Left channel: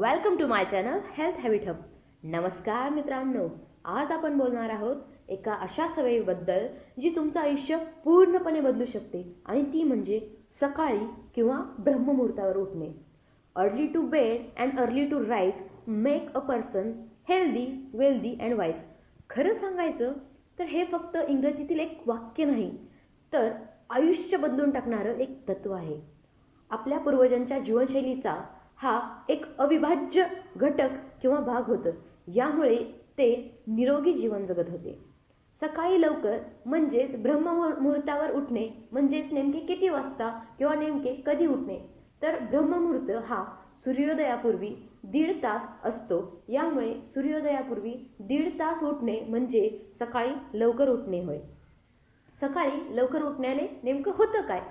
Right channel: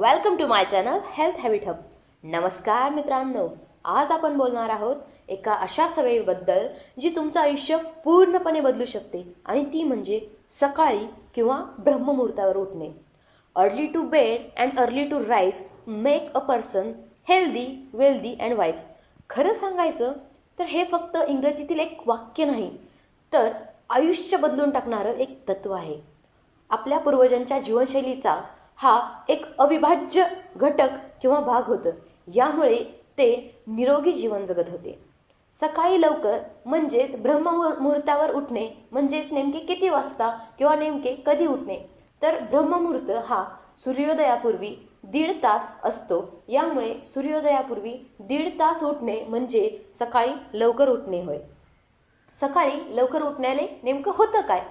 Welcome to my channel health habit hub. नमस्कार मित्रांनो, आज आपण बोलणार आहोत एका अशा सवयीबद्दल जी तुमचं आयुष्य पूर्णपणे बदलू शकते आणि ती म्हणजे सकाळी किंवा ब्रह्ममुहूर्तावर उठणे. Early to bed and early to rise make a person healthy, wealthy and wise. खरं सांगायचं तर हे फक्त इंग्रजीतील एक वाक्य नाही, तर आयुष्य बदलून टाकणारं एक तत्त्व आहे. आपल्या पूर्वजांच्या जीवनशैलीचा हा एक अविभाज्य घटक किंवा भाग होतं. यामुळे ते निरोगी जीवन जगत होते. सकाळी लवकर म्हणजेच ब्रह्ममुहूर्तावर उठणे म्हणजेच नेमके किती वाजता किंवा नेमके कधी उठणे, तर ब्रह्ममुहूर्त हा सूर्योदयापूर्वी 1.5 तास असतो. यामुळे सूर्योदयापूर्वी 1.5 तास उठणे म्हणजे सकाळी लवकर उठणे होय. सकाळी लवकर उठण्याने नेमकं होतं काय,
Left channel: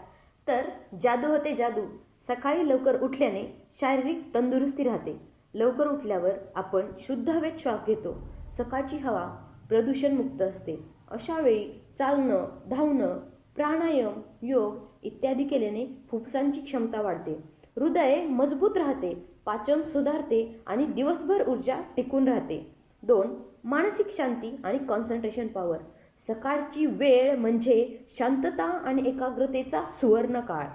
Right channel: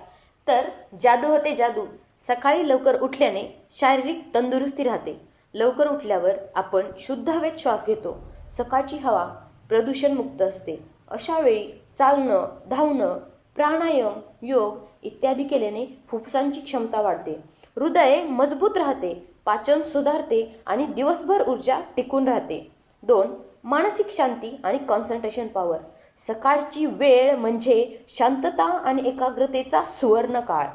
तर जादू होते जादू. सकाळी लवकर उठल्याने शारीरिक तंदुरुस्ती राहते. लवकर उठल्यावर आपण शुद्ध हवेत श्वास घेतो. सकाळची हवा प्रदूषणमुक्त असते. अशा वेळी चालणं, धावणं, प्राणायाम, योग इत्यादी केल्याने फुफ्फुसांची क्षमता वाढते, हृदय मजबूत राहते, पाचन सुधारते आणि दिवसभर ऊर्जा टिकून राहते. 2. मानसिक शांती आणि कॉन्सन्ट्रेशन पॉवर. सकाळची वेळ म्हणजे शांतता आणि एकाग्रतेचा सुवर्ण काळ.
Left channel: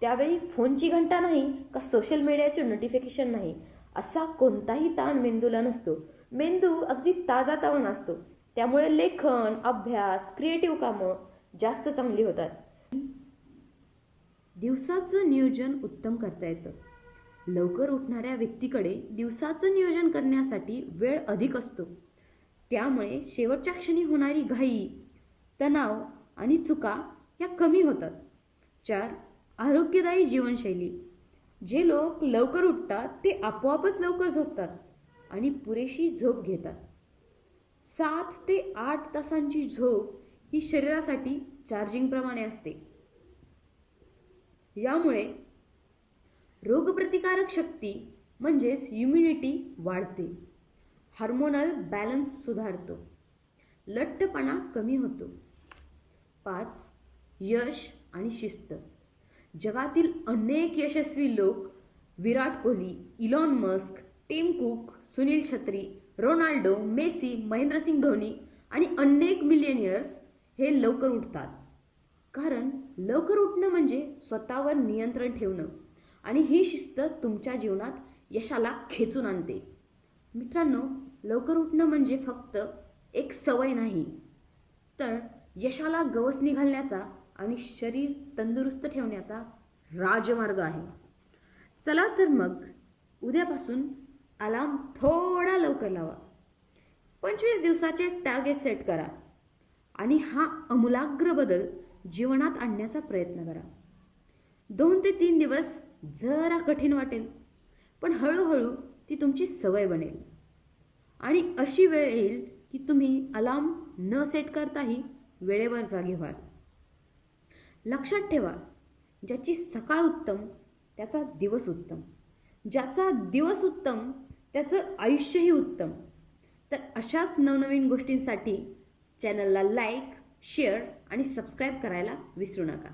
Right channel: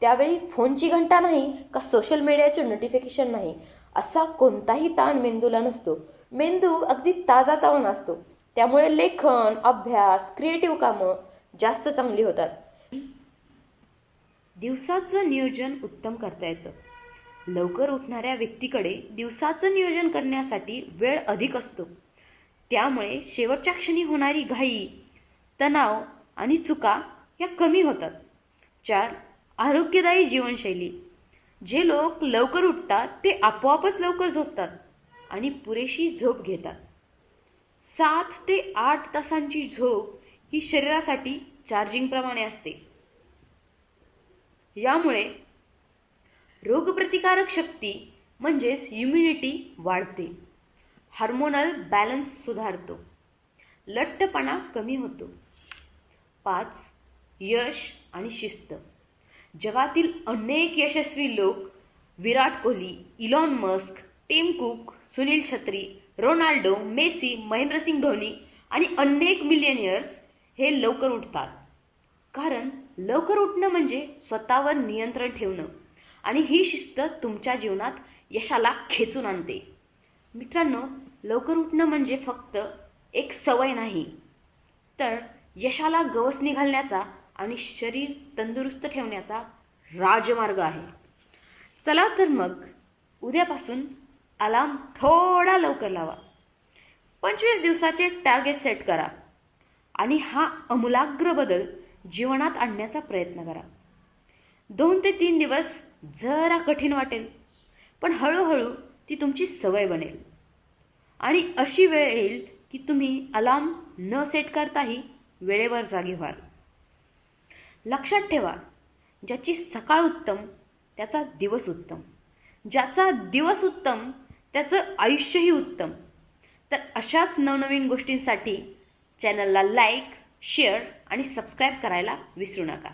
त्यावेळी फोनची घंटा नाही का सोशल मीडियाचे नोटिफिकेशन नाही, असा कोणताही ताण मेंदूला नसतो. मेंदू अगदी ताजातवाना असतो. त्यामुळे लेखन, अभ्यास, क्रिएटिव्ह कामं जास्त चांगली होतात. दिवसाचं नियोजन उत्तम करता येतं. लवकर उठणाऱ्या व्यक्तीकडे दिवसाचं नियोजन करण्यासाठी वेळ अधिक असतो. त्यामुळे शेवटच्या क्षणी होणारी घाई, तणाव आणि चुका या कमी होतात. 4. आरोग्यदायी जीवनशैली. जे लोक लवकर उठतात ते आपोआपच लवकर झोपतात आणि पुरेशी झोप घेतात. 7 ते 8 तासांची झोप ही शरीरासाठी चार्जिंगप्रमाणे असते. यामुळे रोगप्रतिकारक शक्ती म्हणजेच इम्युनिटी वाढते. हार्मोनल बॅलन्स सुधारतो. लठ्ठपणा कमी होतो. 5. यश आणि शिस्त. जगातील अनेक यशस्वी लोक Virat Kohli, Elon Musk, Tim Cook, Sunil Chhetri, Ronaldo, Messi, Mahendra Singh Dhoni आणि अनेक मिलियनियर्स हे लवकर उठतात. कारण लवकर उठणं म्हणजे स्वतःवर नियंत्रण ठेवणं आणि ही शिस्त तुमच्या जीवनात यशाला खेचून आणते. मित्रांनो, लवकर उठणं म्हणजे फक्त एक सवय नाही, तर यशाला गवसणी घालण्याचा आणि शरीर तंदुरुस्त ठेवण्याचा राजमार्ग आहे. चला तर मग उद्यापासून अलार्म थोडा लवकर लावा. 25 दिवसाचे टार्गेट सेट करा आणि हा आमूलाग्र बदल जीवनात आणण्याचा प्रयत्न करा. 2 ते 3 दिवस जरा कठीण वाटेल, पण हळूहळू ती तुमची सवय बनेल आणि अशी वेळ येईल की तुम्ही अलार्म न सेट करताही वेळेवर जागी व्हाल. लक्षात ठेवा, ज्याची सकाळ उत्तम त्याचा दिवस उत्तम, ज्याचा दिवस उत्तम त्याचं आयुष्यही उत्तम. तर अशाच नवनवीन गोष्टींसाठी चॅनलला लाईक, शेअर आणि सबस्क्राईब करायला विसरू नका.